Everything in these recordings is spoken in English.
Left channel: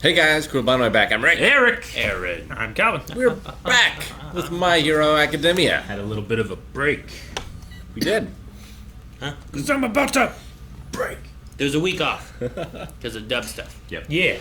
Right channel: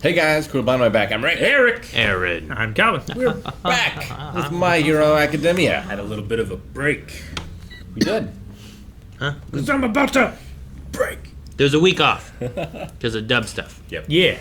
Hey guys, cool behind my back. I'm Rick. Eric. Aaron. I'm Calvin. We're back with My Hero Academia. Had a little bit of a break. We did. Huh? Because I'm about to break. There's a week off because of dub stuff. Yep. Yeah.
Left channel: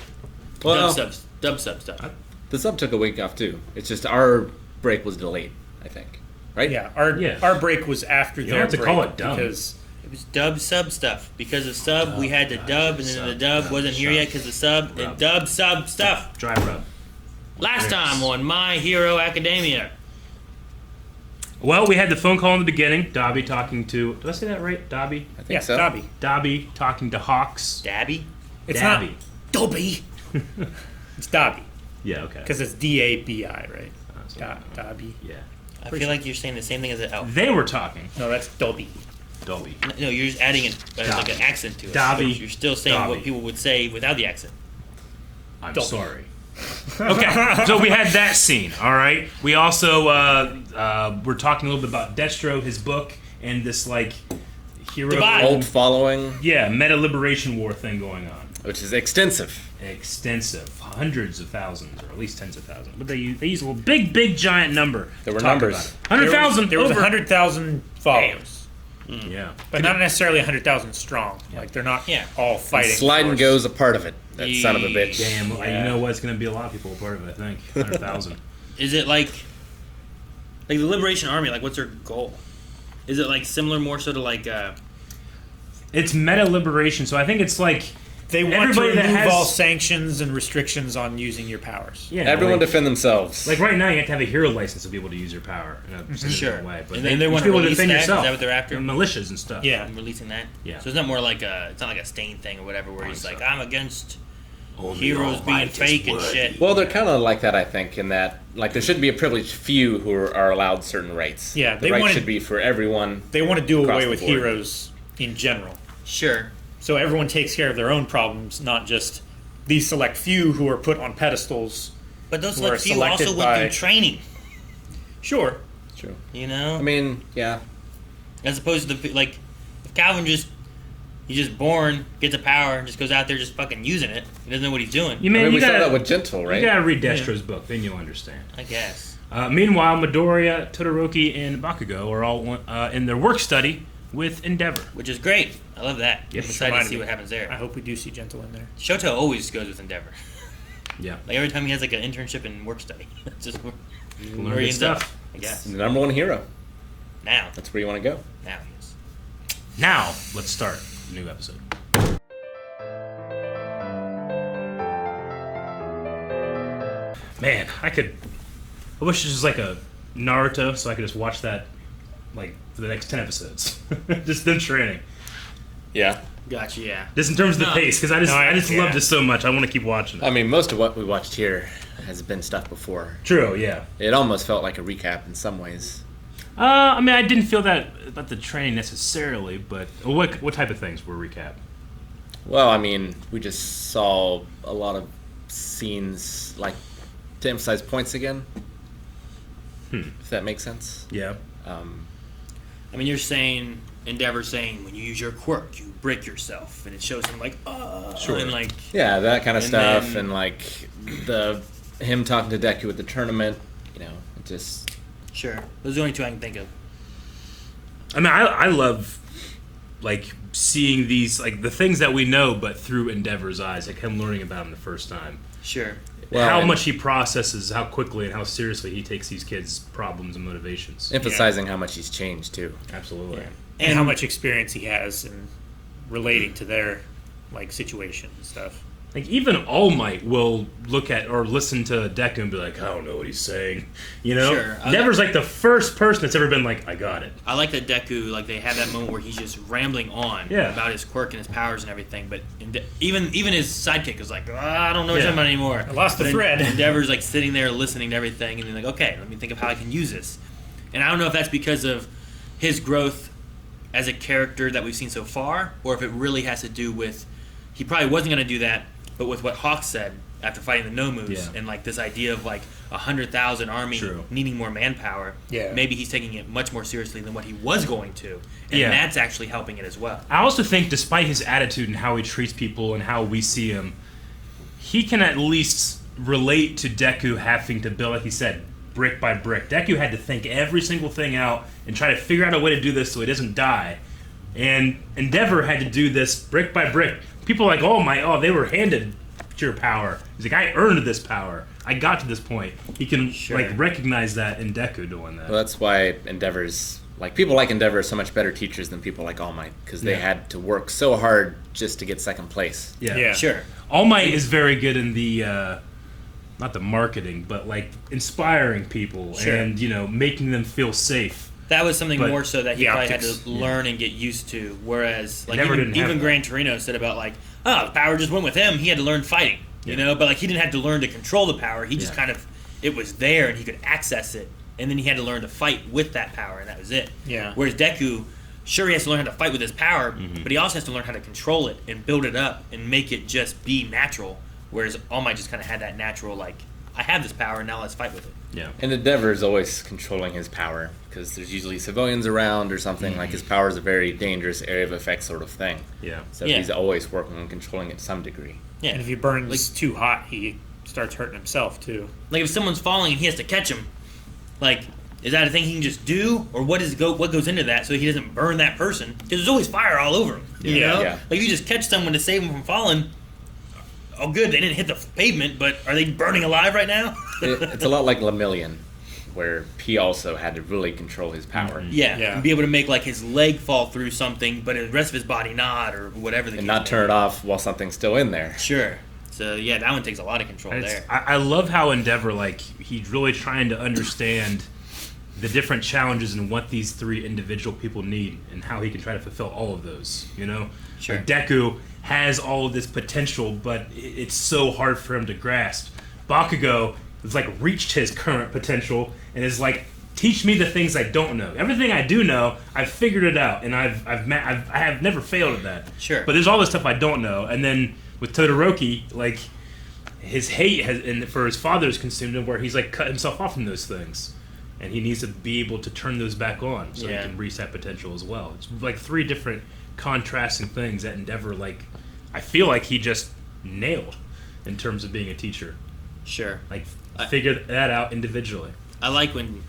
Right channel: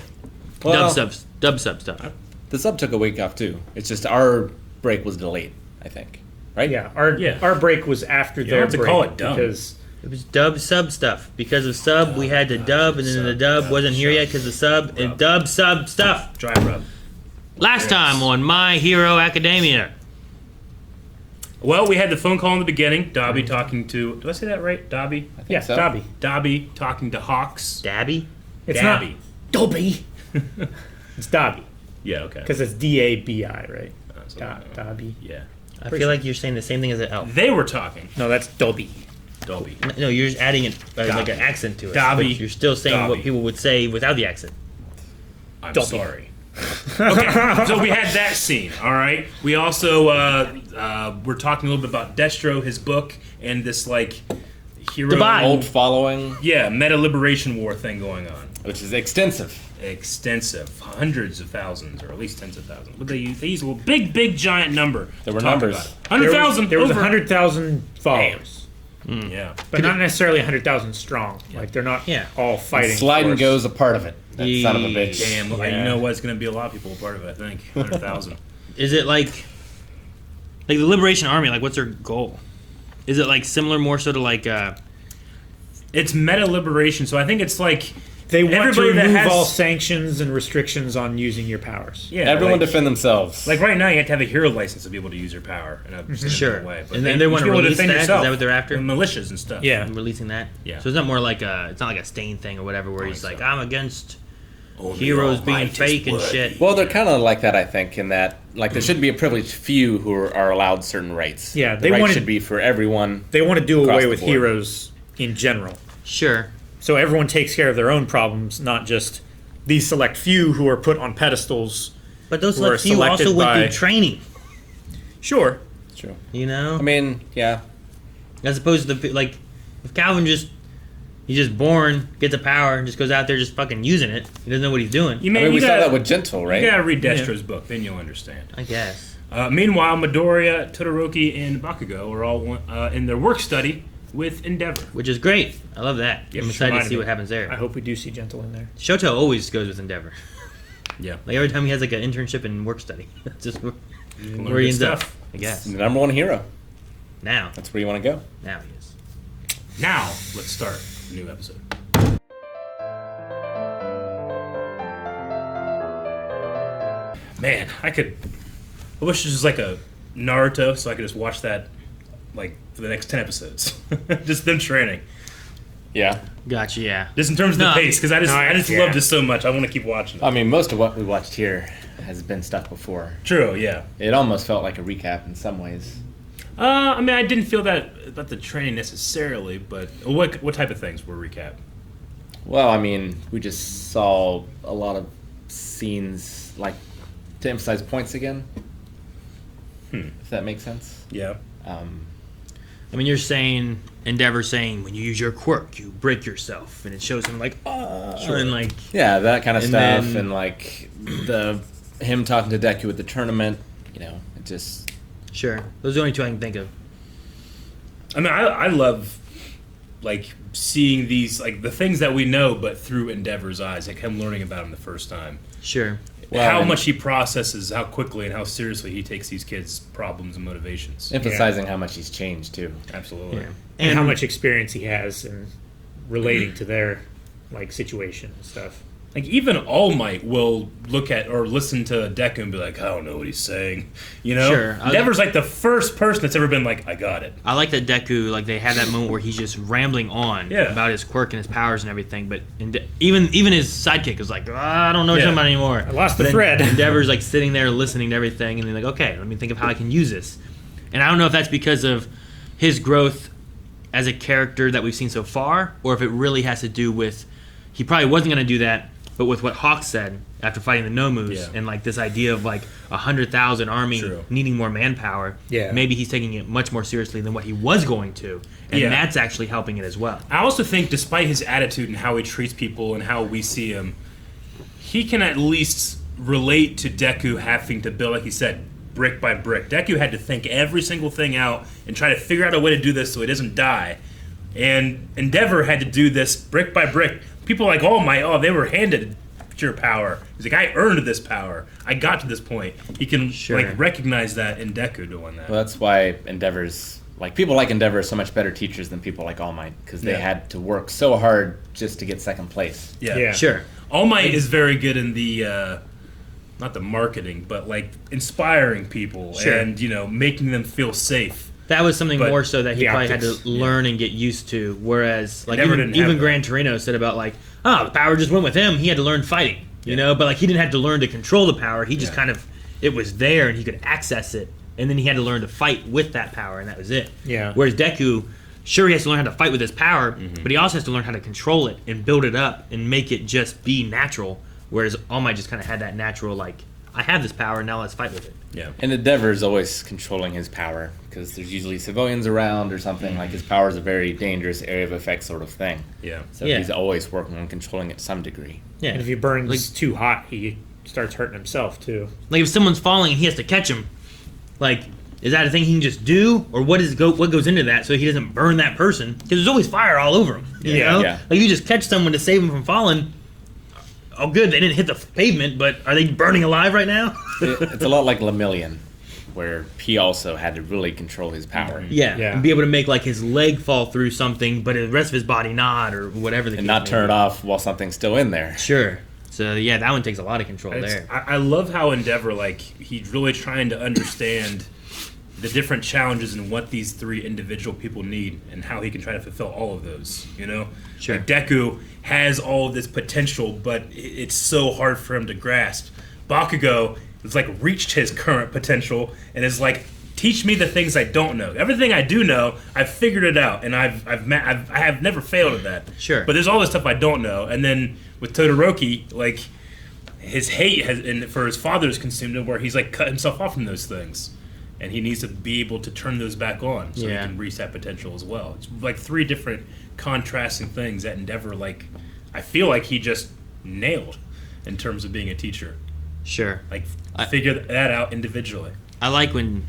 Well, Dub sub stuff. the sub took a week off too. It's just our break was delayed, I think. Right? Yeah. Yeah. Our break was after You their don't have to break call it dumb. because It was dub sub stuff. Because of sub, we had to dub, and then the dub wasn't here yet because of sub, and dub sub stuff. Dry rub. Last time on My Hero Academia. Well, we had the phone call in the beginning. Dobby talking to... Did I say that right? Dobby? I think yeah, so. Dobby. Dobby talking to Hawks. Dabby? It's Dabby. not Dobby. It's Dobby Yeah, okay. because it's Dabi, right? Something. Dobby. Yeah. I feel like you're saying the same thing as an elf. They were talking. No, that's Dobby. Dobby. No, you're just adding it like Dobby. an accent to it. Dobby. You're still saying Dobby. what people would say without the accent. I'm Dobby. sorry. Okay, so we had that scene, all right? We also were talking a little bit about Destro, his book, and this, like, hero... Cult following, Yeah, meta-liberation war thing going on. which is extensive. Extensive. Hundreds of thousands, or at least tens of thousands. But they use a big, giant number There to were talk numbers. about it. 100,000 There was over. 100,000 followers, Yeah. but not necessarily 100,000 strong. Like they're not Yeah. all fighting. Slide and for us. go's a part of it. That son of a bitch. Damn, Yeah. you know what? It's going to be a lot of people a part of it, I think. 100,000. Is it like the Liberation Army? Like, what's their goal? Is it like similar, more so to like? It's meta-liberation, so I think it's like... They want to Everybody that remove has- all sanctions and restrictions on using your powers. Yeah, Everyone like, defend themselves. like right now, you have to have a hero license to be able to use your power in a specific Sure. way. And then they you wanna should be able release defend that? Is yourself. that what they're after? And militias and stuff. Yeah. I'm releasing that. Yeah. So it's not more like it's not like a Stain thing or whatever, where he's think like, so. I'm against Only heroes being Almighty's fake and blood. shit. well, they're kind of like that, I think, in that like there should be a privileged few who are allowed certain rights. Yeah, the they rights wanted- should be for everyone. They want to do Across away the with board. heroes in general. Sure. So everyone takes care of their own problems, not just these select few who are put on pedestals. But those Who are select few also selected went by- through training. Sure. True. You know, I mean, yeah. as opposed to the like, if Calvin he's just born, gets a power, and just goes out there just fucking using it. He doesn't know what he's doing. You I mean, we gotta, saw that with Gentle, right? You gotta read Destro's book, then you'll understand. I guess. Meanwhile, Midoriya, Todoroki, and Bakugo are all in their work study with Endeavor. Which is great. I love that. Yeah, I'm excited to remind see me. what happens I there. hope we do see Gentle in there. Shoto always goes with Endeavor. Yeah. Like every time he has like an internship and work study, it's just where Learn he good ends up. stuff. I guess. The number one hero. Now That's where you want to go. he is. Now, let's start the new episode. Man, I wish this was like a Naruto, so I could just watch that, like, for the next 10 episodes. Just them training. Yeah. Gotcha. Yeah. Just in terms of the No. pace, because I just Yeah. love this so much. I want to keep watching it. I mean, most of what we watched here has been stuff before. True, yeah. It almost felt like a recap in some ways. I mean, I didn't feel that about the training necessarily, but what type of things were recap? Well, I mean, we just saw a lot of scenes, like, to emphasize points again. If that makes sense. Yeah. I mean, you're saying Endeavor saying when you use your quirk, you break yourself, and it shows him like, and like, Yeah, that kind of And stuff, then- and like him talking to Deku at the tournament. You know, it just sure. Those are the only two I can think of. I mean, I love, like, seeing these, like, the things that we know, but through Endeavor's eyes, like him learning about them the first time. Sure. Well, how and- much he processes, how quickly and how seriously he takes these kids' problems and motivations. emphasizing how much he's changed too. Absolutely. And how much experience he has in relating to their like situation and stuff. Like, even All Might will look at or listen to Deku and be like, I don't know what he's saying. You know? Sure. Endeavor's like the first person that's ever been like, I got it. I like that Deku, like they had that moment where he's just rambling on Yeah. about his quirk and his powers and everything, but even his sidekick is like, I don't know what you're Yeah. talking about anymore. I lost the But thread. Endeavor's like sitting there listening to everything, and he's like, okay, let me think of how I can use this. And I don't know if that's because of his growth as a character that we've seen so far, or if it really has to do with he probably wasn't going to do that, but with what Hawk said after fighting the Nomus Yeah. and like this idea of like 100,000 army True. needing more manpower, Yeah. maybe he's taking it much more seriously than what he was going to, and Yeah. that's actually helping it as well. I also think, despite his attitude and how he treats people and how we see him, he can at least relate to Deku having to build, like he said, brick by brick. Deku had to think every single thing out and try to figure out a way to do this so he doesn't die. And Endeavor had to do this brick by brick. People are like, they were handed pure power. He's like, I earned this power. I got to this point. He can recognize that in Deku doing that. Well, that's why Endeavor's people like Endeavor are so much better teachers than people like All Might, because they had to work so hard just to get second place. Yeah. Sure. All Might is very good in the not the marketing, but inspiring people and making them feel safe. That was something more so that he probably had to learn and get used to. Whereas, even Gran Torino said about the power just went with him. He had to learn fighting, but he didn't have to learn to control the power. He just it was there and he could access it, and then he had to learn to fight with that power, and that was it. Yeah. Whereas Deku, sure, he has to learn how to fight with his power, but he also has to learn how to control it and build it up and make it just be natural. Whereas All Might just kind of had that natural, I have this power, now let's fight with it. Yeah. And Endeavor is always controlling his power, because there's usually civilians around or something. His power is a very dangerous area of effect sort of thing. Yeah. So he's always working on controlling it to some degree. Yeah. And if he burns too hot, he starts hurting himself too. If someone's falling and he has to catch him, is that a thing he can just do, or what goes into that so he doesn't burn that person? Because there's always fire all over him. You know? Yeah. You just catch someone to save them from falling. Oh, good, they didn't hit the pavement, but are they burning alive right now? It's a lot like Lemillion, where he also had to really control his power. Yeah. Yeah. And be able to make his leg fall through something, but the rest of his body not, or whatever. And not turn it off while something's still in there. Sure. So yeah, that one takes a lot of control there. I love how Endeavor, he's really trying to understand the different challenges and what these three individual people need, and how he can try to fulfill all of those. Sure. Deku has all of this potential, but it's so hard for him to grasp. Bakugo has reached his current potential and is teach me the things I don't know. Everything I do know, I've figured it out, and I have never failed at that. Sure. But there's all this stuff I don't know, and then with Todoroki, his hate for his father is consumed him, where he's cut himself off from those things, and he needs to be able to turn those back on so he can reach that potential as well. It's three different contrasting things that Endeavor I feel he just nailed in terms of being a teacher. Sure. Figure that out individually. I like when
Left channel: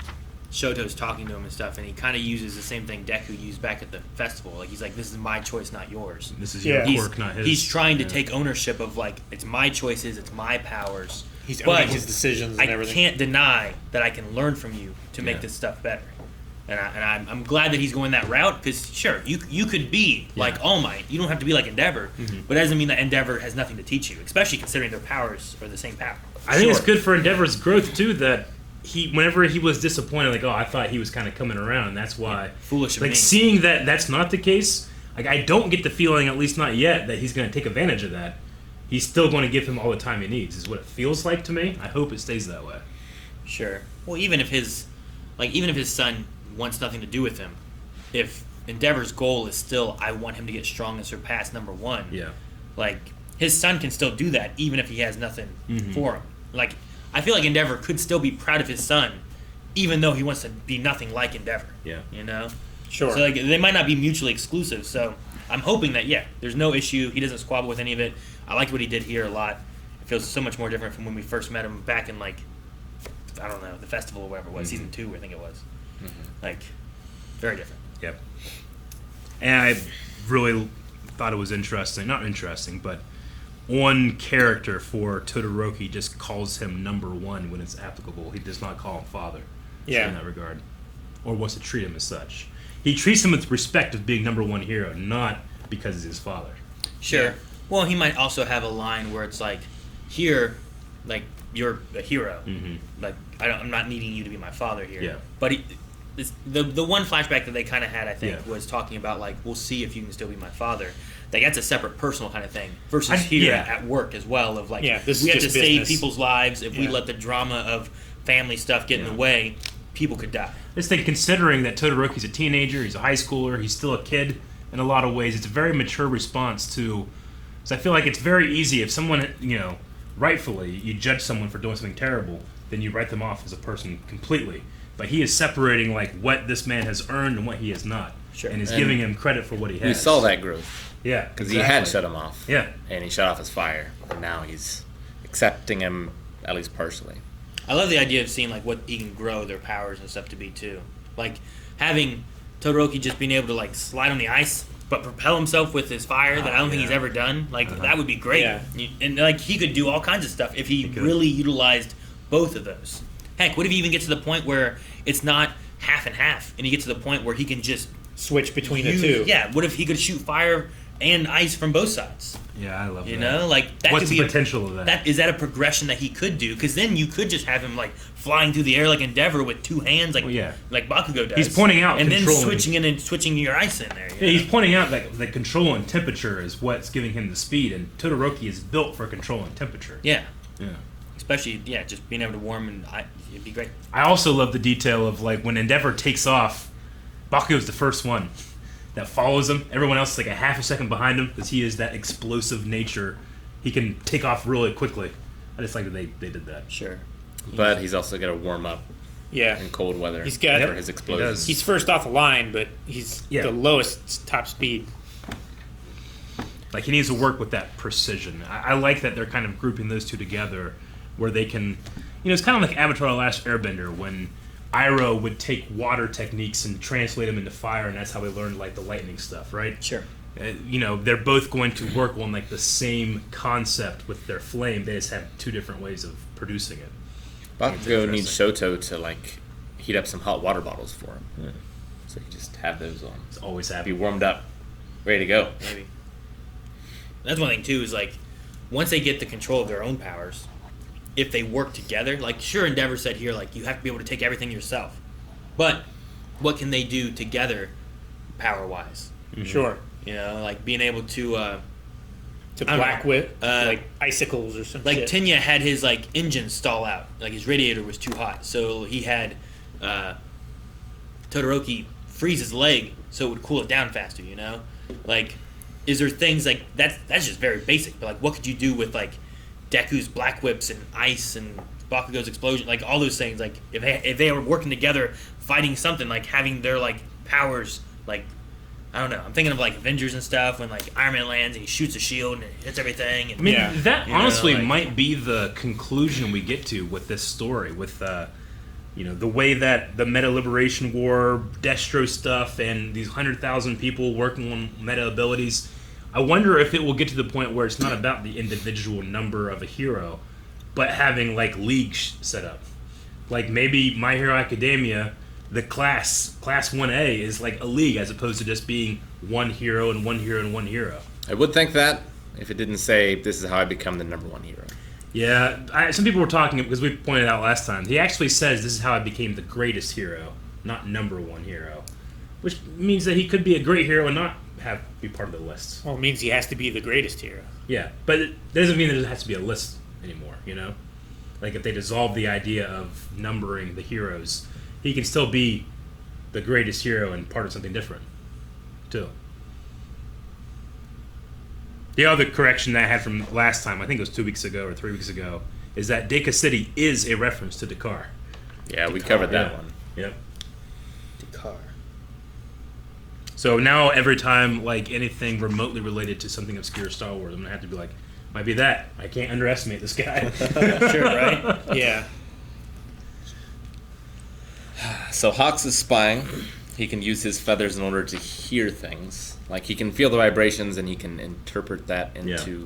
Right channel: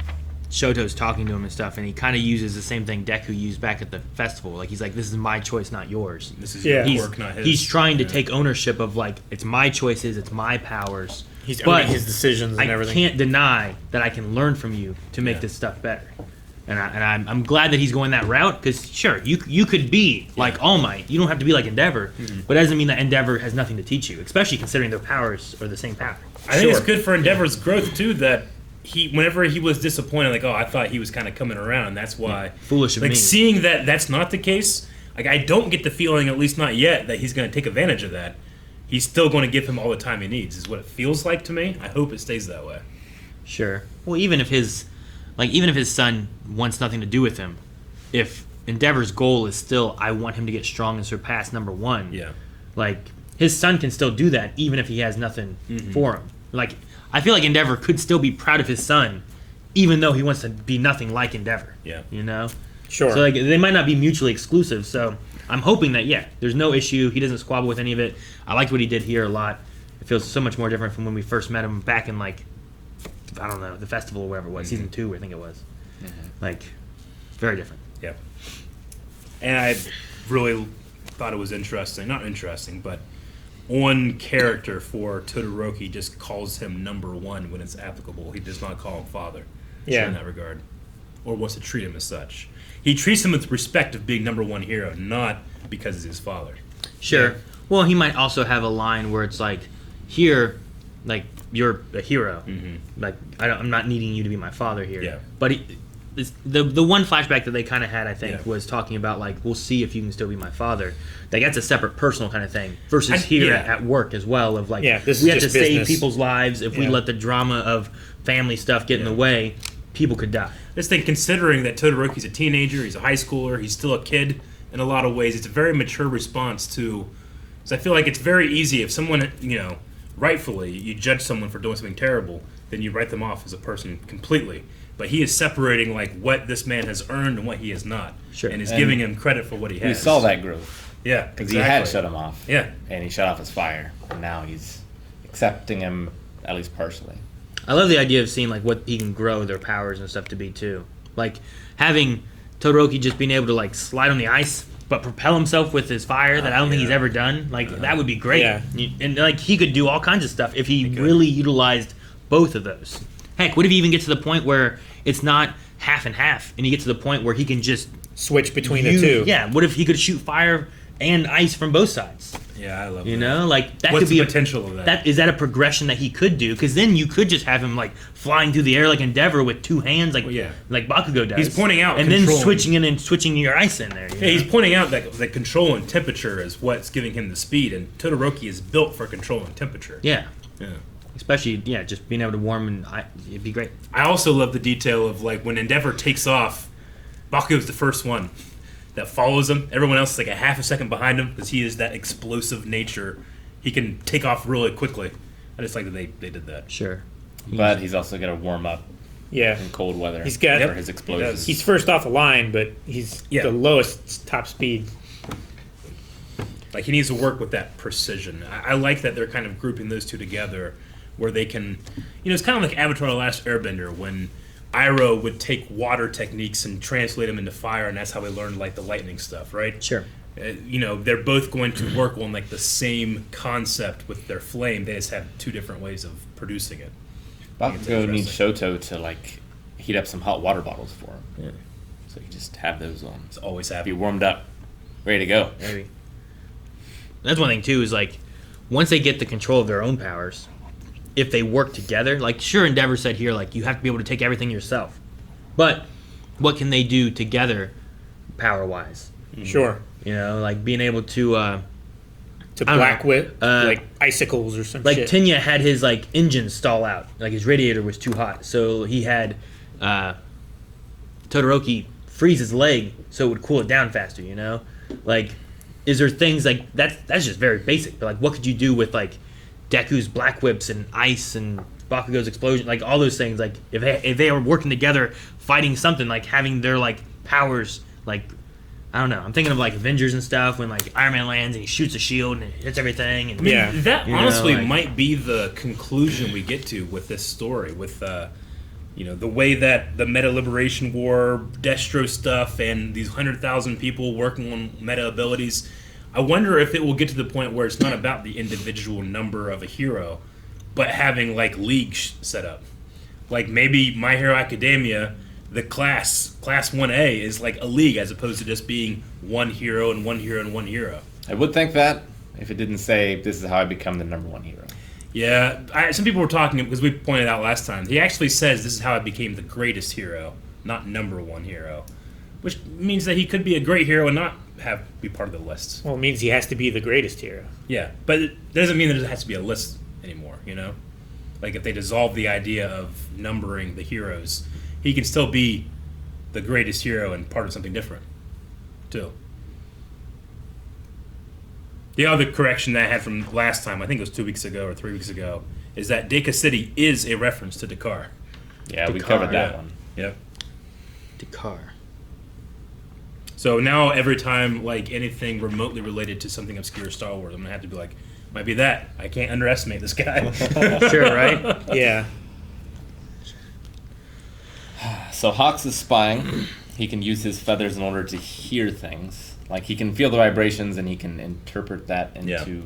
Shoto's talking to him and stuff, and he kind of uses the same thing Deku used back at the festival. He's like, this is my choice, not yours. This is your quirk, not his. He's trying to take ownership of, it's my choices, it's my powers. He's owning his decisions and everything. I can't deny that I can learn from you to make this stuff better. And I'm glad that he's going that route, because sure, you could be like All Might. You don't have to be like Endeavor, but that doesn't mean that Endeavor has nothing to teach you, especially considering their powers are the same power. I think it's good for Endeavor's growth too, that whenever he was disappointed, I thought he was kind of coming around. That's why Foolish of me. Seeing that that's not the case. I don't get the feeling, at least not yet, that he's going to take advantage of that. He's still going to give him all the time he needs. Is what it feels like to me. I hope it stays that way. Sure. Well, even if his son wants nothing to do with him, if Endeavor's goal is still, I want him to get strong and surpass number one. Yeah. His son can still do that, even if he has nothing for him. I feel like Endeavor could still be proud of his son, even though he wants to be nothing like Endeavor. Yeah. Sure. So they might not be mutually exclusive. So I'm hoping that there's no issue. He doesn't squabble with any of it. I liked what he did here a lot. It feels so much more different from when we first met him back in I don't know, the festival or whatever it was, season 2, I think it was. Very different. Yep. And I really thought it was interesting. Not interesting, but one character for Todoroki just calls him number one when it's applicable. He does not call him father. Yeah. In that regard. Or wants to treat him as such. He treats him with respect of being number one hero, not because he's his father. Sure. Yeah. Well, he might also have a line where it's here, you're a hero. I'm not needing you to be my father here. Yeah. But the one flashback that they kind of had, I think, was talking about we'll see if you can still be my father. That's a separate personal kind of thing versus here at work as well. Of this we have is to just save business. people's lives. If we let the drama of family stuff get in the way, people could die. Just think, considering that Todoroki's a teenager, he's a high schooler, he's still a kid in a lot of ways. It's a very mature response to. So I feel like it's very easy if someone, rightfully, you judge someone for doing something terrible, then you write them off as a person completely. But he is separating what this man has earned and what he has not, and is giving him credit for what he has. We saw that growth. Yeah, Because he had shut him off. Yeah. And he shut off his fire. And now he's accepting him at least partially. I love the idea of seeing like what he can grow their powers and stuff to be too. Like having Todoroki just being able to like slide on the ice but propel himself with his fire that I don't think he's ever done. Like that would be great. Yeah. And like he could do all kinds of stuff if he really utilized both of those. Heck, what if you even get to the point where it's not half and half and you get to the point where he can just Switch between the two. Yeah, what if he could shoot fire and ice from both sides? Yeah, I love You that. know, like that What's could be the potential of that? Is that a progression that he could do? Because then you could just have him like flying through the air like Endeavor with two hands, like like Bakugo does. He's pointing out and then controlling. switching in and switching your ice in there. You Yeah, know? he's pointing out that the control and temperature is what's giving him the speed, and Todoroki is built for control and temperature. Yeah, Yeah. especially just being able to warm and it'd be great. I also love the detail of like when Endeavor takes off, Bakugo's the first one that follows him. Everyone else is like a half a second behind him because he is that explosive nature. He can take off really quickly. I just like that they did that. Sure, But he's also got to warm up Yeah. in cold weather. He's got- for his explosions. He's first off the line, but he's the lowest top speed. Like he needs to work with that precision. I like that they're kind of grouping those two together, where they can, it's kind of like Avatar: The Last Airbender when Iroh would take water techniques and translate them into fire, and that's how we learned like the lightning stuff, right? sure. They're both going to work on like the same concept with their flame. They just have two different ways of producing it. Bakugo needs Shoto to like heat up some hot water bottles for him. Yeah. So you just have those on. It's always Be happy. warmed up, ready to go. Maybe. That's one thing too. Is like once they get the control of their own powers, if they work together, like sure Endeavor said here, like you have to be able to take everything yourself, but what can they do together, power wise? Sure. You know, like being able to To don't black know. whip, like icicles or some like shit. Tenya had his like engine stall out, like his radiator was too hot, so he had Todoroki freeze his leg so it would cool it down faster. You know, like is there things like that's just very basic, but like what could you do with like Deku's black whips and ice and Bakugo's explosion, like all those things, like if they were working together fighting something, like having their like powers, like I don't know, I'm thinking of like Avengers and stuff when like Iron Man lands and he shoots a shield and it hits everything and Yeah. That You know, honestly like- might be the conclusion we get to with this story, with the way that the Meta Liberation War, Destro stuff, and these 100,000 people working on meta abilities. I wonder if it will get to the point where it's not about the individual number of a hero, but having like leagues set up. Like maybe My Hero Academia, the class 1A is like a league as opposed to just being one hero and one hero and one hero. I would think that if it didn't say this is how I become the number one hero. Yeah, some people were talking, because we pointed out last time, he actually says this is how I became the greatest hero, not number one hero. Which means that he could be a great hero and not be part of the list. Well, it means he has to be the greatest hero. Yeah, but it doesn't mean that it has to be a list anymore, Like if they dissolve the idea of numbering the heroes, he can still be the greatest hero and part of something different, too. The other correction that I had from last time, I think it was 2 weeks ago or 3 weeks ago, is that Deka City is a reference to Dakar. Yeah, we Dakar, covered that yeah. one. Yeah. Dakar. So now every time like anything remotely related to something obscure Star Wars, I'm gonna have to be like, might be that. I can't underestimate this guy. Sure, right? Yeah. So Hawks is spying. He can use his feathers in order to hear things. Like he can feel the vibrations and he can interpret that into Yeah.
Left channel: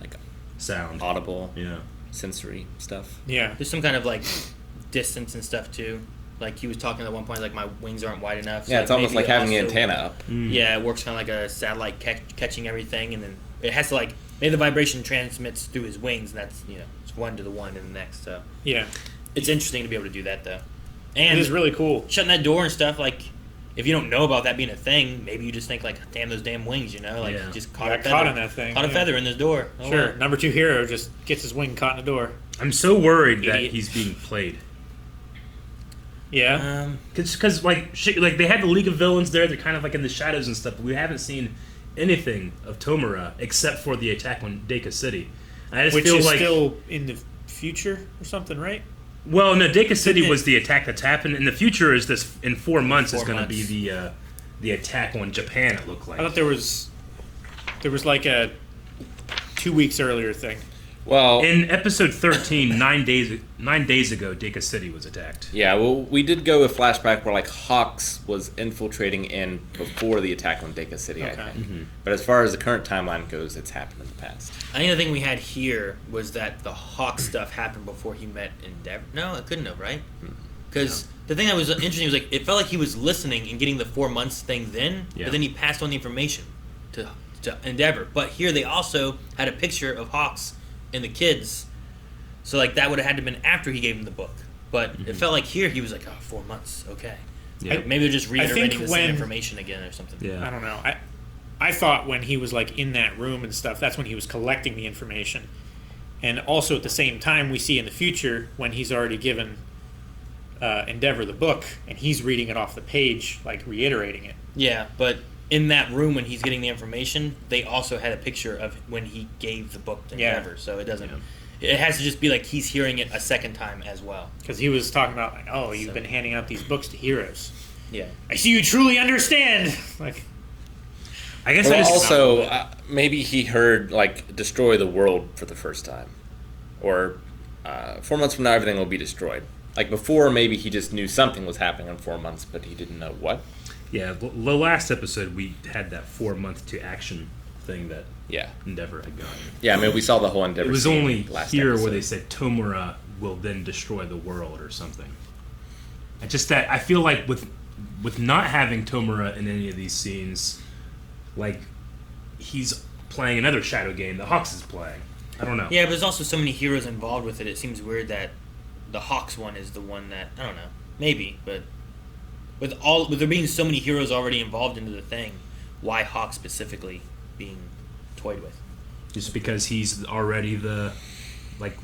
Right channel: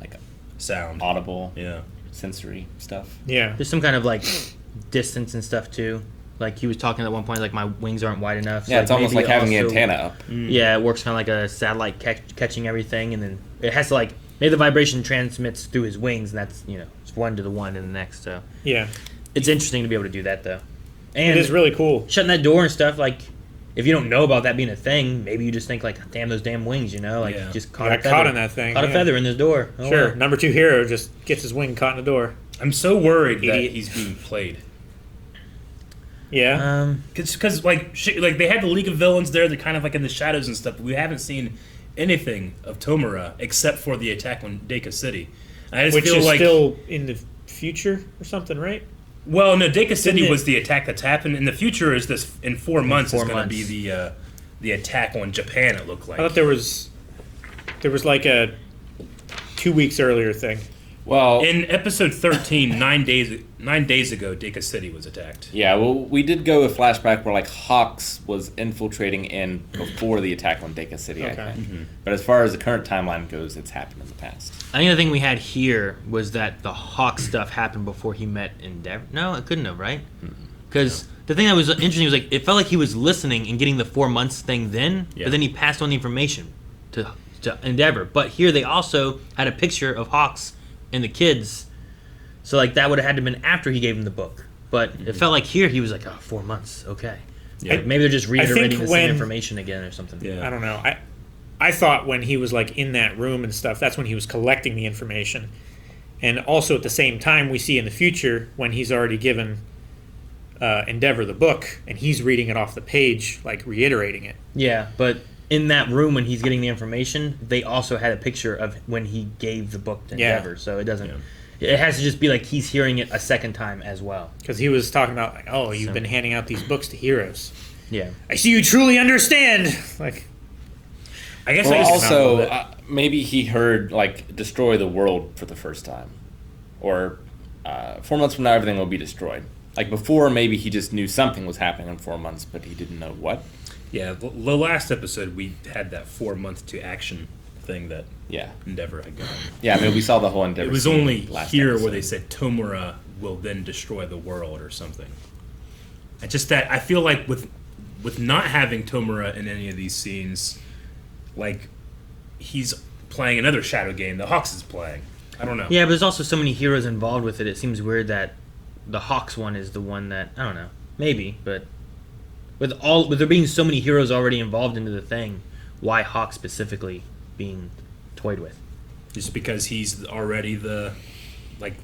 like Sound. audible, Yeah. sensory stuff. Yeah. There's some kind of like distance and stuff too. Like he was talking at one point, like my wings aren't wide enough. So Yeah, it's almost maybe like having an also- antenna up. Yeah, it works kind of like a satellite catching everything, and then it has to like maybe the vibration transmits through his wings, and that's it's one to the one and the next. So Yeah. it's interesting to be able to do that though. It And is really cool. shutting that door and stuff, like if you don't know about that being a thing, maybe you just think like, damn those damn wings, like Yeah. just caught Yeah, a feather. caught in that thing, Caught a yeah. feather in this door. Oh, Sure. well. Number 2 hero just gets his wing caught in the door. I'm so worried that Idiot. he's being played. Yeah. Because like they had the League of Villains there, they're kind of like in the shadows and stuff, but we haven't seen anything of Tomura except for the attack on Deka City. I just Which feel is like still in the future or something, right? well, no, Deka City it? was the attack that's happened. In the future is this in 4 months is 4 going to months. be the attack on Japan. It looked like. I thought there was like a 2 weeks earlier thing. Well, In episode 13, 9 days ago, Deka City was attacked. yeah, well, we did go with flashback where like Hawks was infiltrating in before the attack on Deka City. I Okay. think. But as far as the current timeline goes, it's happened in the past. I think the thing we had here was that the Hawk stuff happened before he met Endeavor. No, it couldn't have, right? Because the thing that was interesting was like it felt like he was listening and getting the 4 months thing then, Yeah. but then he passed on the information to Endeavor. But here they also had a picture of Hawks and the kids, so like that would have had to been after he gave him the book. But it felt like here he was like, 4 months, okay. Yeah. Maybe they're just reiterating think the when- same information again or something. Yeah. I don't know. I thought when he was like in that room and stuff, that's when he was collecting the information. And also at the same time, we see in the future when he's already given Endeavor the book and he's reading it off the page, like reiterating it. Yeah, but in that room when he's getting the information, they also had a picture of when he gave the book to Yeah. Endeavor. So it doesn't. It has to just be like he's hearing it a second time as well. Because he was talking about, like, oh, you've So- been handing out these books to heroes. Yeah. I see you truly understand. Like, I guess Well, I just also, not- maybe he heard like destroy the world for the first time, or 4 months from now everything will be destroyed. Like before, maybe he just knew something was happening in 4 months, but he didn't know what. Yeah, the last episode we had that 4 month to action thing that Yeah, Endeavor had got. yeah. I mean, we saw the whole Endeavor. It was scene only last here episode. where they said Tomura will then destroy the world or something. I just that I feel like with not having Tomura in any of these scenes, like he's playing another shadow game that Hawks is playing. I don't know. Yeah, but there's also so many heroes involved with it. It seems weird that the Hawks one is the one that I don't know. Maybe, but with there being so many heroes already involved into the thing, why Hawk specifically being toyed with? Just because he's already the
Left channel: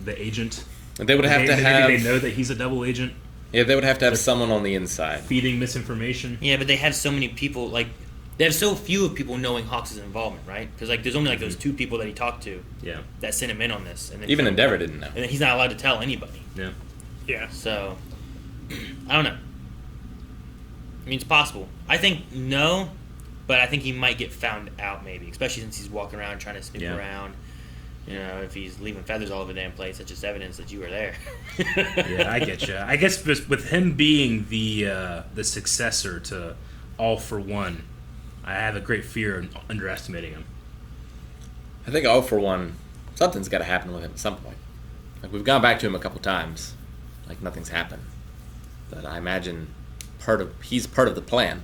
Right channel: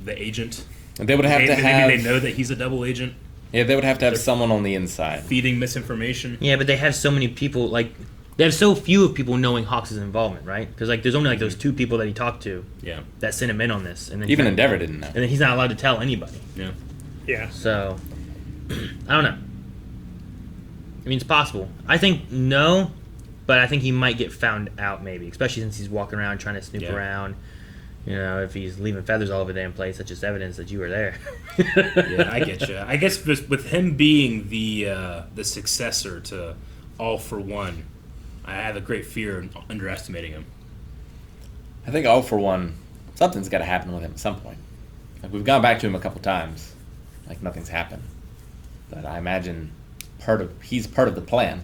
agent. And they would have to Maybe have. they know that he's a double agent Yeah, they would have to have someone on the inside. feeding misinformation. Yeah, but they have so many people. Like they have so few of people knowing Hawks' involvement, right? Because like there's only like those 2 people that he talked to Yeah. that sent him in on this, and then Even Endeavor didn't know. and then he's not allowed to tell anybody. Yeah. yeah. So, I don't know. I mean, it's possible. I think no, but I think he might get found out maybe, especially since he's walking around trying to snoop Yeah. around. You know, if he's leaving feathers all over the damn place, that's just evidence that you were there. Yeah, I get you. I guess just with him being the successor to All for One, I have a great fear of underestimating him. I think all for one, something's got to happen with him at some point. Like we've gone back to him a couple times, like nothing's happened. But I imagine he's part of the plan.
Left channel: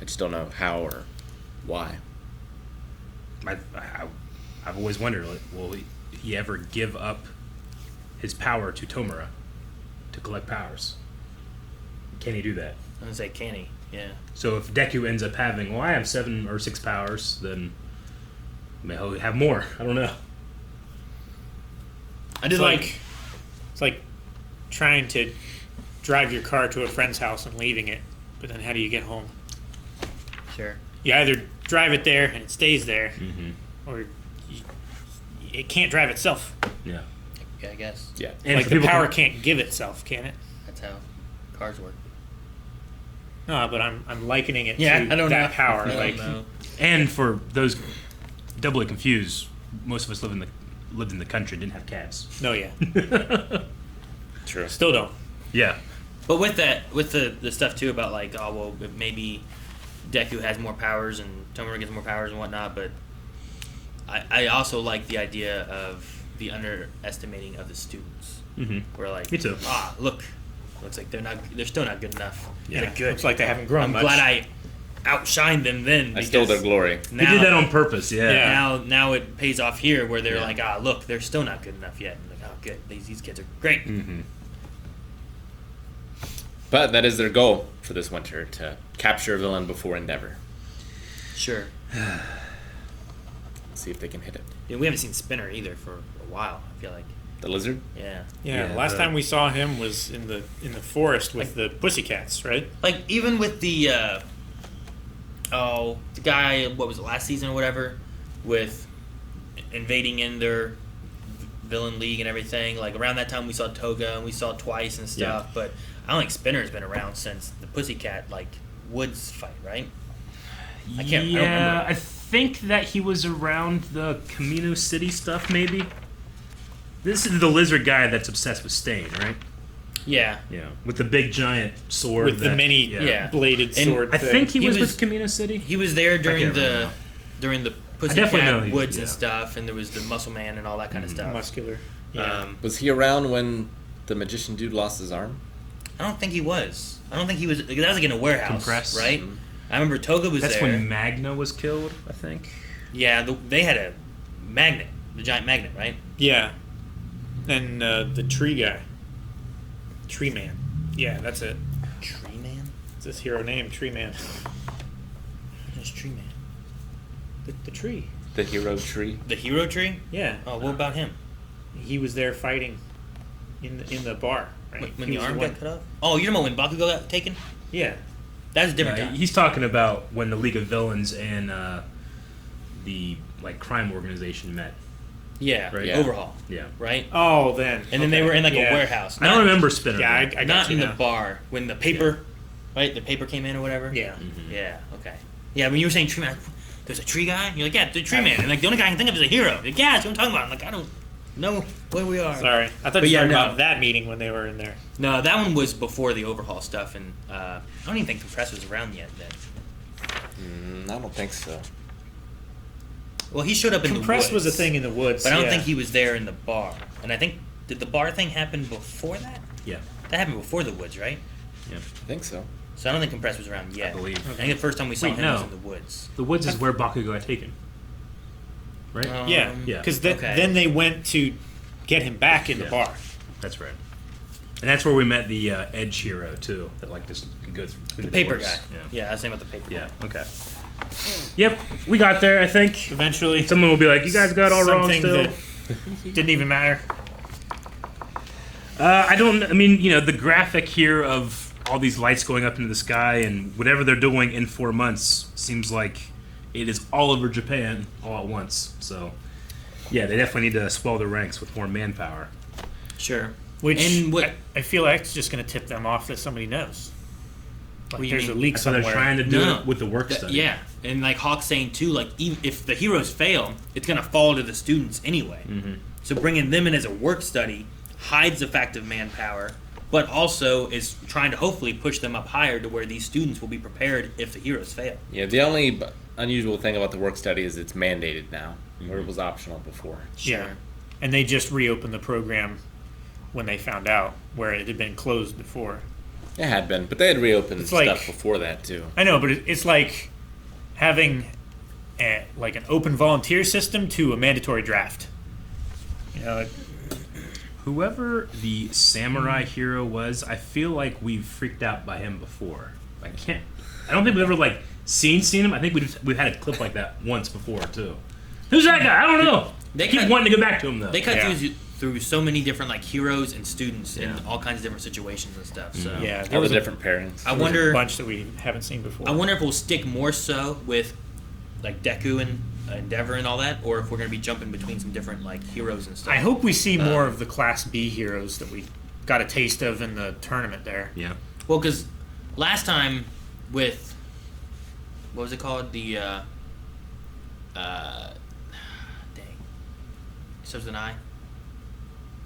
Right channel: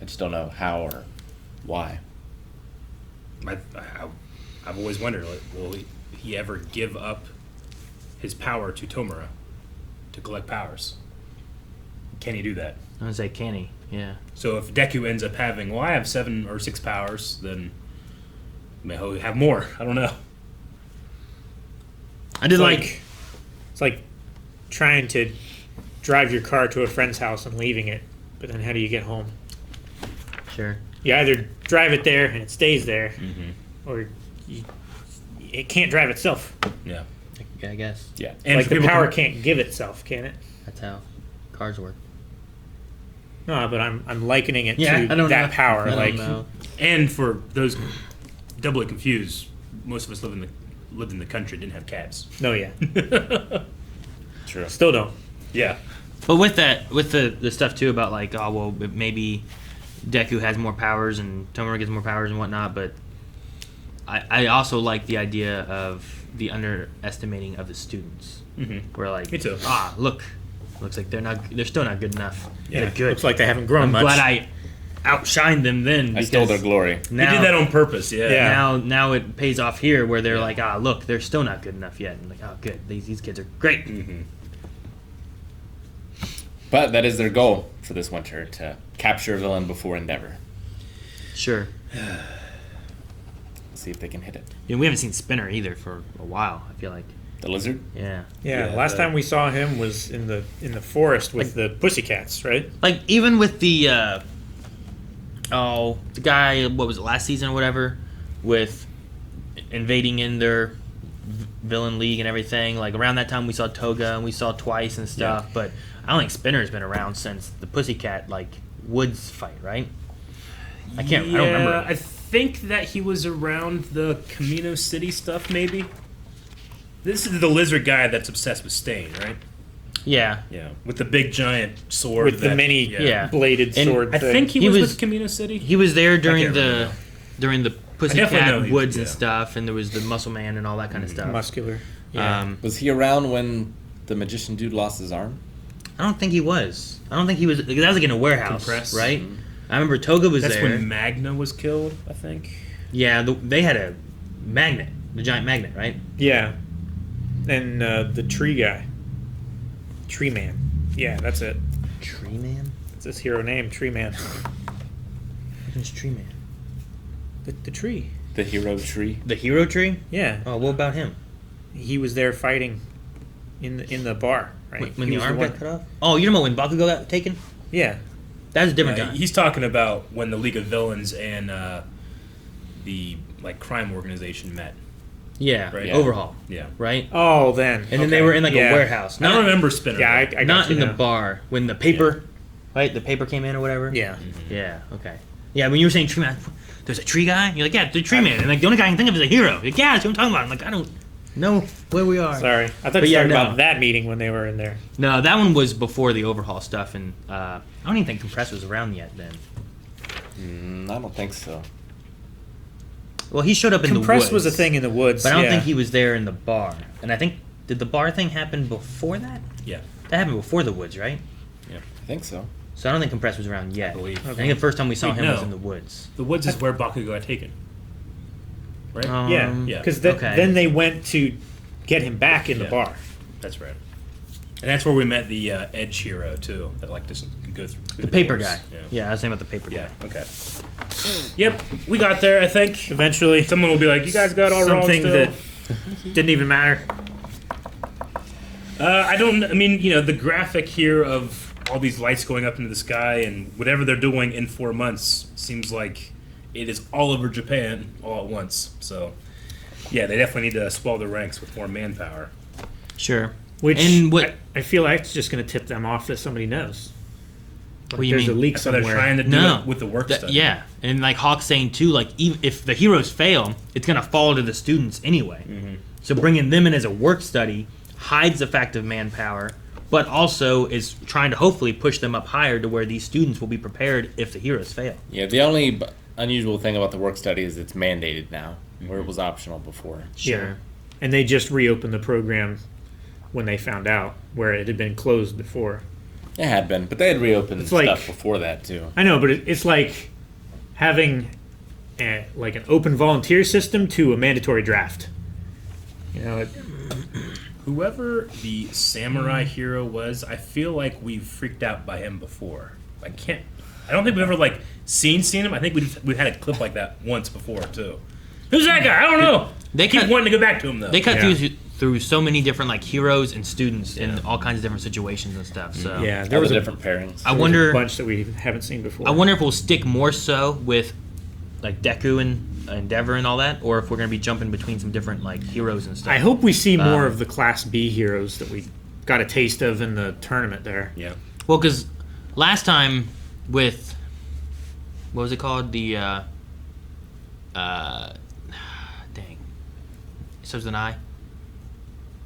I just don't know how or why. I've always wondered, like, will he ever give up his power to Tomura to collect powers? Can he do that? I would say, can he? Yeah. So if Deku ends up having, well, I have 7 or 6 powers, then maybe he'll have more. I don't know. I did It's like it's like trying to drive your car to a friend's house and leaving it, but then how do you get home? sure. You either drive it there and it stays there, or it can't drive itself. Yeah. I guess Yeah. And like for the people power who- can't give itself, can it? that's how cars work. No, but I'm likening it Yeah, to I don't that know. power. I don't Like, know. And for those doubly confused, most of us lived in the country, didn't have cats. no, yeah, True. still don't. Yeah. But with that, with the stuff too about like, oh well, maybe Deku has more powers and Tomura gets more powers and whatnot. But I also like the idea of the underestimating of the students. Mm-hmm. Where like, Me too. looks like they're still not good enough. Yeah, They're good. looks like they haven't grown I'm much. glad I outshined them then. I Because stole their glory. They now, did that on purpose, yeah. Yeah. now it pays off here where they're Yeah. like, look, they're still not good enough yet. And like, oh, good, these kids are great. Mm-hmm. But that is their goal for this winter, to capture a villain before Endeavor. Sure. See if they can hit it. We haven't seen Spinner either for a while. I feel like. The lizard? Yeah. Yeah, Yeah, last the- time we saw him was in the forest with the pussycats, right? Like even with the the guy, what was it, last season or whatever, with invading in their villain league and everything. Like around that time we saw Toga and we saw Twice and stuff. Yeah. But I don't think Spinner's been around since the Pussycat like Woods fight, right? I don't remember. I think that he was around the Camino City stuff, maybe. This is the lizard guy that's obsessed with Stain, right? Yeah. Yeah, with the big giant sword. With the mini Yeah. bladed And sword I thing. think he He was was- with Camino City. He was there during can't the remember. during the definitely know Pussycat he- Woods and yeah. stuff, and there was the Muscle Man and all that kind of stuff. muscular. Yeah. Was he around when the magician dude lost his arm? I don't think he was. I don't think he was because that was like in a warehouse, Compressed. right? Mhm. I remember Toga was That's there. when Magna was killed, I think. Yeah, they had a magnet, the giant magnet, right? Yeah. And the tree guy. Tree Man. Yeah, that's it. Tree Man. It's his hero name, Tree Man. Who's Tree Man? The tree. The hero tree. The hero tree. Yeah. Oh, what about him? He was there fighting in the bar, right? When He the was arm one- got cut off? Oh, you know when Bakugo got taken? Yeah. That was a different time. He's talking about when the League of Villains and the crime organization met. Yeah, Right. Overhaul, Yeah. right? Oh, then. And then they were in like Yeah. a warehouse. I don't remember Spinner. Yeah, I got Not you in the now. bar when the paper, right? The paper came in or whatever. Yeah. Yeah. Okay. Yeah. When you were saying tree man, there's a tree guy. You're like, yeah, the tree man. And like the only guy I can think of is a hero. You're like, yeah, that's what I'm talking about. I'm like, I don't know where we are. Sorry. I thought But you yeah, were talking no. about that meeting when they were in there. No, that one was before the overhaul stuff, and I don't even think Compress was around yet then. I don't think so. Well, he showed up in the woods. Compress was a thing in the woods. But I don't yeah. think he was there in the bar. And I think, did the bar thing happen before that? Yeah. That happened before the woods, right? I think so. So I don't think Compress was around yet. I believe. I think the first time we saw Wait, him was no. in the woods. The woods is where Bakugo got taken. Right? Yeah. Yeah. Because okay. then they went to get him back in the Yeah. bar. That's right. And that's where we met the Edge hero too. That just go through The paper doors. guy. Yeah, I was saying about the paper Yeah. guy. Okay. Yep. We got there. I think. Eventually, Someone will be like, "You guys got all wrong something still." that didn't even matter. I don't. I mean, the graphic here of all these lights going up into the sky and whatever they're doing in 4 months seems like it is all over Japan all at once. So, yeah, they definitely need to swell the ranks with more manpower. Sure. Which And what- I feel like it's just going to tip them off that somebody knows. Like What do you there's mean? a leak So they're somewhere. trying to do No. it with the work study. Yeah, and like Hawk's saying too, like even if the heroes fail, it's gonna fall to the students anyway. So bringing them in as a work study hides the fact of manpower, but also is trying to hopefully push them up higher to where these students will be prepared if the heroes fail. Yeah, the only unusual thing about the work study is it's mandated now, where it was optional before. Yeah. And they just reopened the program when they found out, where it had been closed before. It had been, but they had reopened It's stuff like- before that too. I know, but it's like having like an open volunteer system to a mandatory draft. You know, Whoever the samurai hero was, I feel like we've freaked out by him before. I don't think we've ever seen him. I think we've had a clip like that once before too. Who's that guy? I don't know. They Keep cut- wanting to go back to him though. They cut Yeah. through so many different like heroes and students in all kinds of different situations and stuff. So yeah, There there was was a different pairings. I there was wonder. a bunch that we haven't seen before. I wonder if we'll stick more so with like Deku and Endeavor and all that, or if we're gonna be jumping between some different like heroes and stuff. I hope we see more of the Class B heroes that we got a taste of in the tournament there. Yeah. Well, because last time with what was it called? The dang, it starts with an I.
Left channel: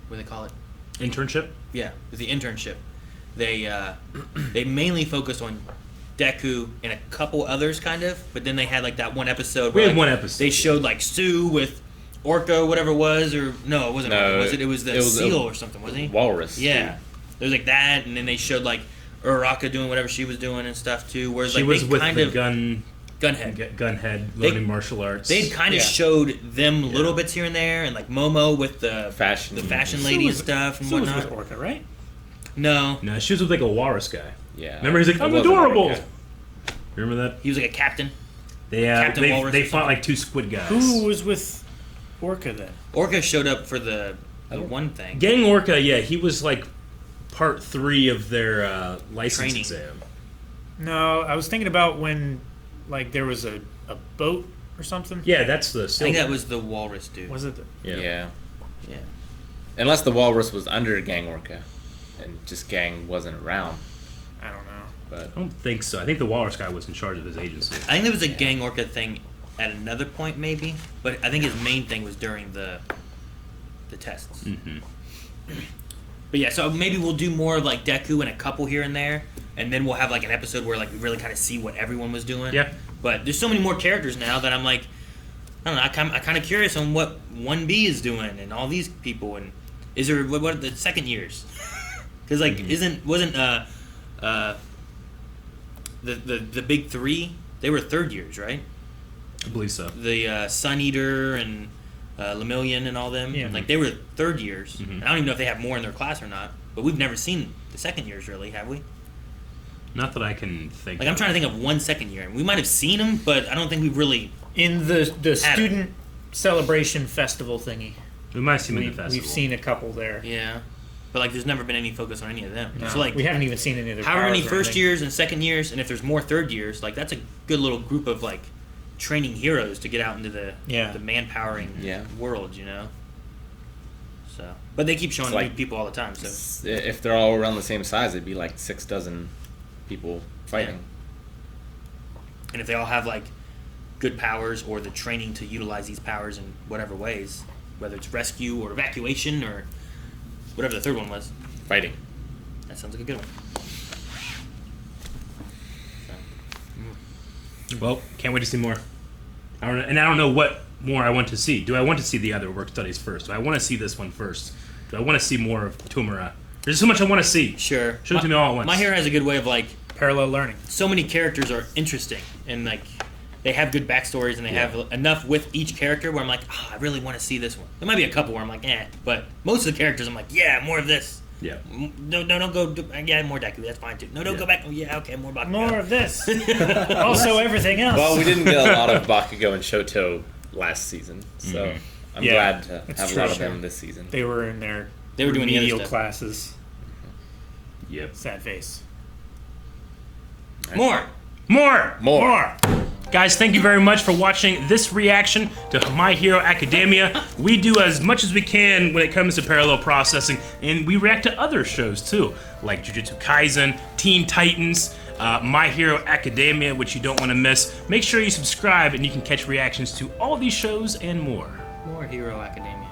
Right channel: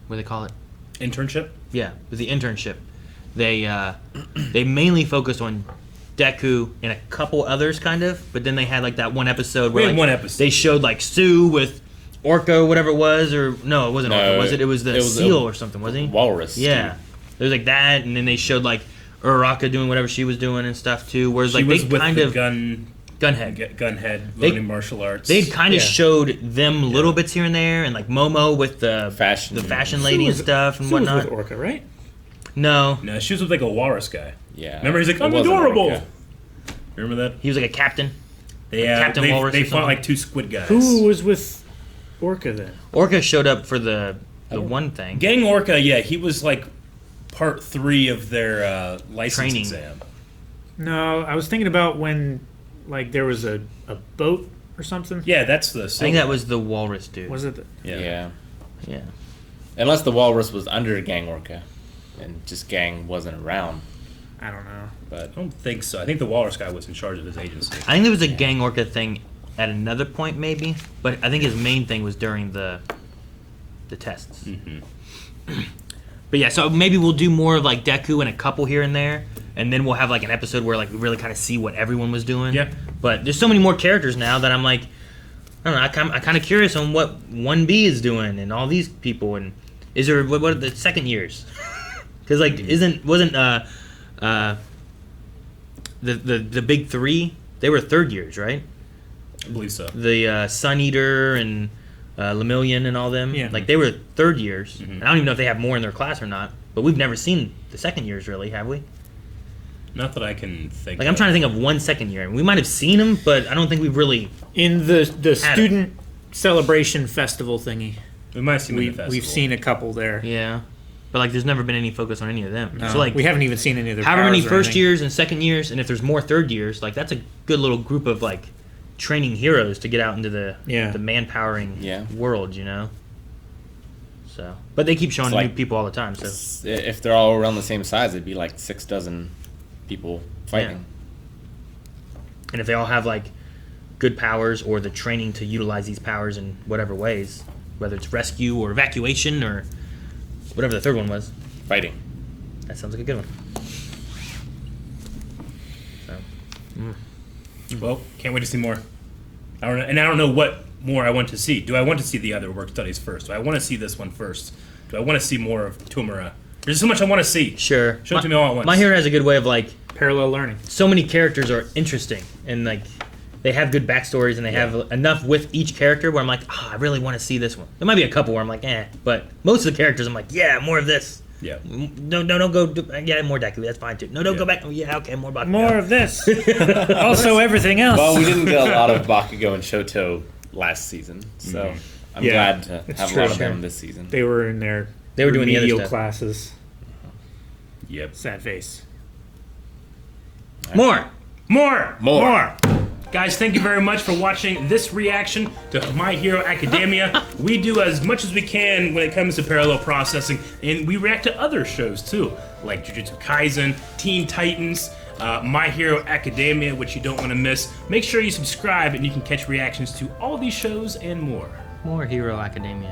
What do they call it? Internship. Yeah, with the internship, they they mainly focused on Deku and a couple others, kind of. But then they had like that one episode We where had one episode. they showed like Sue with Orca, whatever it was, or no, it wasn't No, Orca, was it? It was the it was seal a or something, wasn't he? Walrus. Yeah, there was like that, and then they showed like Uraraka doing whatever she was doing and stuff too. Whereas She like was they with kind the of Gunhead. gunhead They- learning martial arts. They'd kind of Yeah. showed them little bits here and there, and like Momo with the Fashion. lady and stuff and Sue was whatnot. with Orca, right? No, No, she was with like a walrus guy. Yeah. Remember, he's like, It I'm wasn't adorable. Orca. Remember that? he was like a captain. They Captain Walrus they or fought something. like two squid guys. Who was with Orca then? Orca showed up for the one thing. Gang Orca, yeah, he was like part 3 of their license Training. exam. No, I was thinking about when like there was a boat or something. Yeah, that's the. I think that was the walrus dude. Was it? Yeah. Yeah. Unless the walrus was under Gang Orca, and just Gang wasn't around. I don't know. I But don't think so. I think the walrus guy was in charge of his agency. I think there was a gang Orca thing at another point maybe, but I think his main thing was during the the tests. Mm-hmm. But yeah, so maybe we'll do more of like Deku and a couple here and there, and then we'll have like an episode where like we really kind of see what everyone was doing. Yeah. But there's so many more characters now that I'm like, I don't know. I'm kind of curious on what 1B is doing and all these people, and is there what are the second years? Because like wasn't the big three, they were third years, right? I believe so. The Sun Eater and Lemillion and all them, Yeah. like they were third years. Mhm. I don't even know if they have more in their class or not, but we've never seen the second years really, have we? Not that I can think. Like I'm trying to think of one second year, and we might have seen them, but I don't think we've really. In the it. student celebration festival thingy, We might see them in the we've festival. seen a couple there. Yeah, but like there's never been any focus on any of them. No, So like we haven't even seen any of their however many powers or first anything. years and second years, and if there's more third years, like that's a good little group of like training heroes to get out into the manpowering Yeah. world, you know. So, but they keep showing It's new like- people all the time. So If they're all around the same size, it'd be like 6 dozen people fighting. and if they all have like good powers or the training to utilize these powers in whatever ways, whether it's rescue or evacuation or whatever the third one was, Fighting. that sounds like a good one. So, Well, can't wait to see more. I don't know what more I want to see. Do I want to see the other work studies first? Do I want to see this one first? Do I want to see more of Tomura? There's so much I want to see. sure. Show it to me all at once. My Hero has a good way of like Parallel learning. so many characters are interesting and like they have good backstories and they have enough with each character where I'm like, I really want to see this one. There might be a couple where I'm like, but most of the characters I'm like, yeah, more of this. Yeah. No, don't go. Yeah, more Deku. That's fine too. No, don't Yeah. go back. Oh, yeah, okay, more Bakugo. More of this. Also, everything else. Well, we didn't get a lot of Bakugo and Shoto last season, so Mhm. I'm Yeah, glad to it's have true, a lot of sure. them this season. They were in their They were doing the other remedial stuff. classes. Yep. Sad face. More. More. Guys, thank you very much for watching this reaction to My Hero Academia. We do as much as we can when it comes to parallel processing, and we react to other shows too, like Jujutsu Kaisen, Teen Titans, My Hero Academia, which you don't want to miss. Make sure you subscribe and you can catch reactions to all these shows and more. More Hero Academia.